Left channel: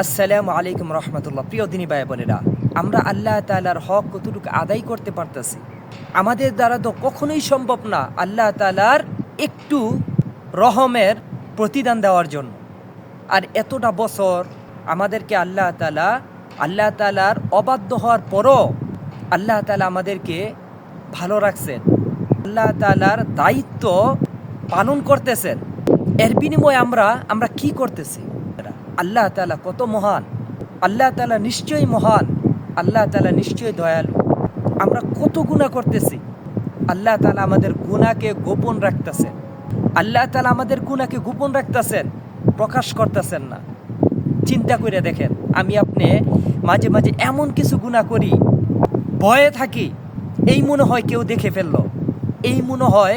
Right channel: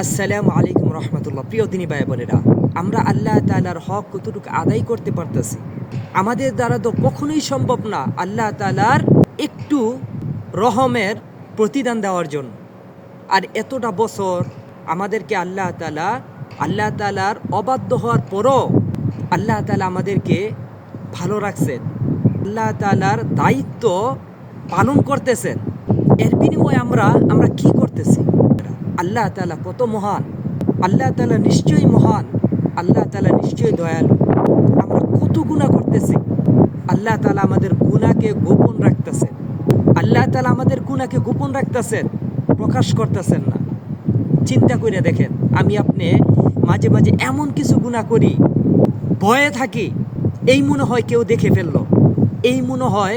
আসসালামু আলাইকুম রহমতুল্লাহ। প্রিয় দিনী ভাই বোনেরা, আমরা আল্লাহ তাআলার হক কতটুকু আদায় করতে পারতেছি? আমাদের দ্বারা তো কখনোই সম্ভব না আল্লাহ তাআলার একটু রহমের প্রতিদান দেওয়ার জন্য। আর এতটা বছর আমাদেরকে আল্লাহ তাআলার অবাধ্য হওয়ার পরও আল্লাহ তাআলা আমাদেরকে ভালো রাখছেন, আল্লাহ তাআলার দায়িত্ব পালন করতেছেন। এর বিনিময়ে আমরা কি করতেছি? আল্লাহ তাআলা কত মহান, আল্লাহ তাআলা নিশ্চয়ই মহান, আল্লাহ তাআলা নিশ্চয়ই দয়ালু। আমরা কত গুনাহ করতেছি, আল্লাহ তাআলা আমাদের গুনাহকে গোপন রাখতেছেন। আল্লাহ তাআলা আমাদের গুনাহকে গোপন রাখতেছেন, প্রকাশ করতেছেন না। চিন্তা করে দেখেন, আমি আপনি মাঝে মাঝে এমন কিছু গুনাহ করি, ভয়ে থাকি, এই মনে হয় কেউ দেখে ফেললো, এই মনে হয়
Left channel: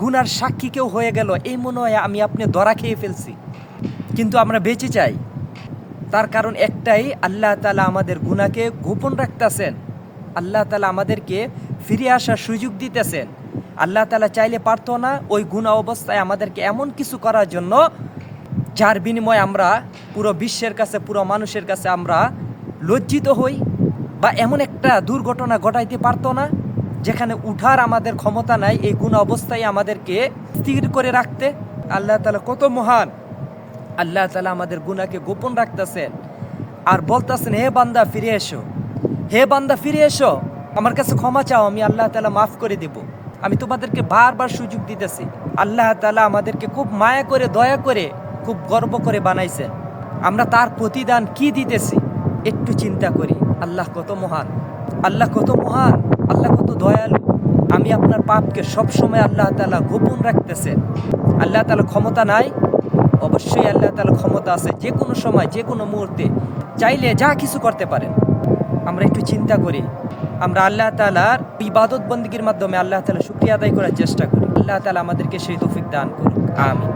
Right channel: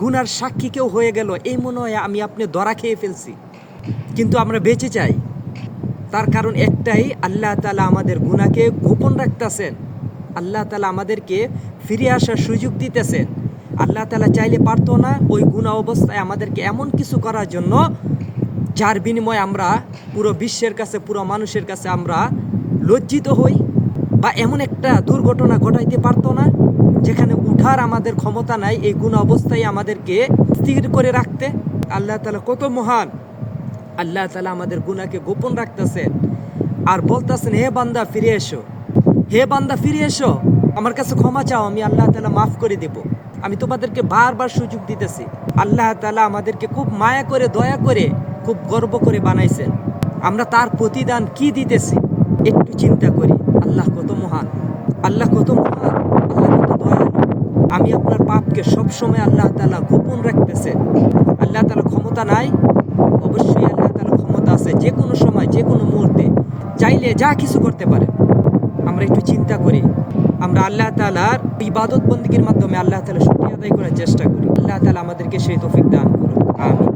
গুনার সাক্ষী কেউ হয়ে গেল, এই মনে হয় আমি আপনি ধরা খেয়ে ফেলছি, কিন্তু আমরা বেঁচে চাই। তার কারণ একটাই, আল্লাহ তাআলা আমাদের গুনাহকে গোপন রাখতেছেন। আল্লাহ তাআলা আমাদেরকে ফিরে আসার সুযোগ দিতেছেন। আল্লাহ তাআলা চাইলে পারতো না ওই গুনাহ অবস্থায় আমাদেরকে এমন কিছু করার জন্য, যার বিনিময়ে আমরা পুরো বিশ্বের কাছে, পুরো মানুষের কাছে আমরা লজ্জিত হই, বা এমন একটা দুর্ঘটনা ঘটাইতে পারতো না যেখানে উঠার আমাদের ক্ষমতা নাই, এই গুনাহ অবস্থায় আমাদেরকে স্থির করে রাখতে। আল্লাহ তাআলা কত মহান, আল্লাহ তাআলা আমাদের গুনাহকে গোপন রাখতেছেন আর বলতেছেন, হে বান্দা ফিরে এসো, হে বান্দা ফিরে এসো, আমার কাছে ক্ষমা চাও, আমি আল্লাহ তাআলা মাফ করে দেব। আমি তোমাদেরকে বারবার সুযোগ দিতেছি। আল্লাহ তাআলা আমাদেরকে খুব মায়া করে, দয়া করে, খুব গর্ব করে বানাইছেন। আমরা তার প্রতিদান কি দিতেছি একটু চিন্তা করি। আল্লাহ কত মহান, আল্লাহ কত মহান, আল্লাহ কত দয়ালু। আমি আপনার পাপকে সবসময় আল্লাহ তাআলা গোপন রাখতেছেন। আল্লাহ তাআলা ক্ষমতা নাই? অবশ্যই আল্লাহ তাআলা ক্ষমতা আছে। যে কোনো সময়, যে কোনো মুহূর্তে চাইলে যা কিছু করতে পারেন। আমরা একটু চিন্তা করি, আমরা আল্লাহ তাআলার ইবাদত বন্দেগীর মাধ্যমে আল্লাহ তাআলা শুকরিয়া আদায় করার চেষ্টা করি। আল্লাহ তাআলা আমাদেরকে সেই তৌফিক দান করুন। আমিন।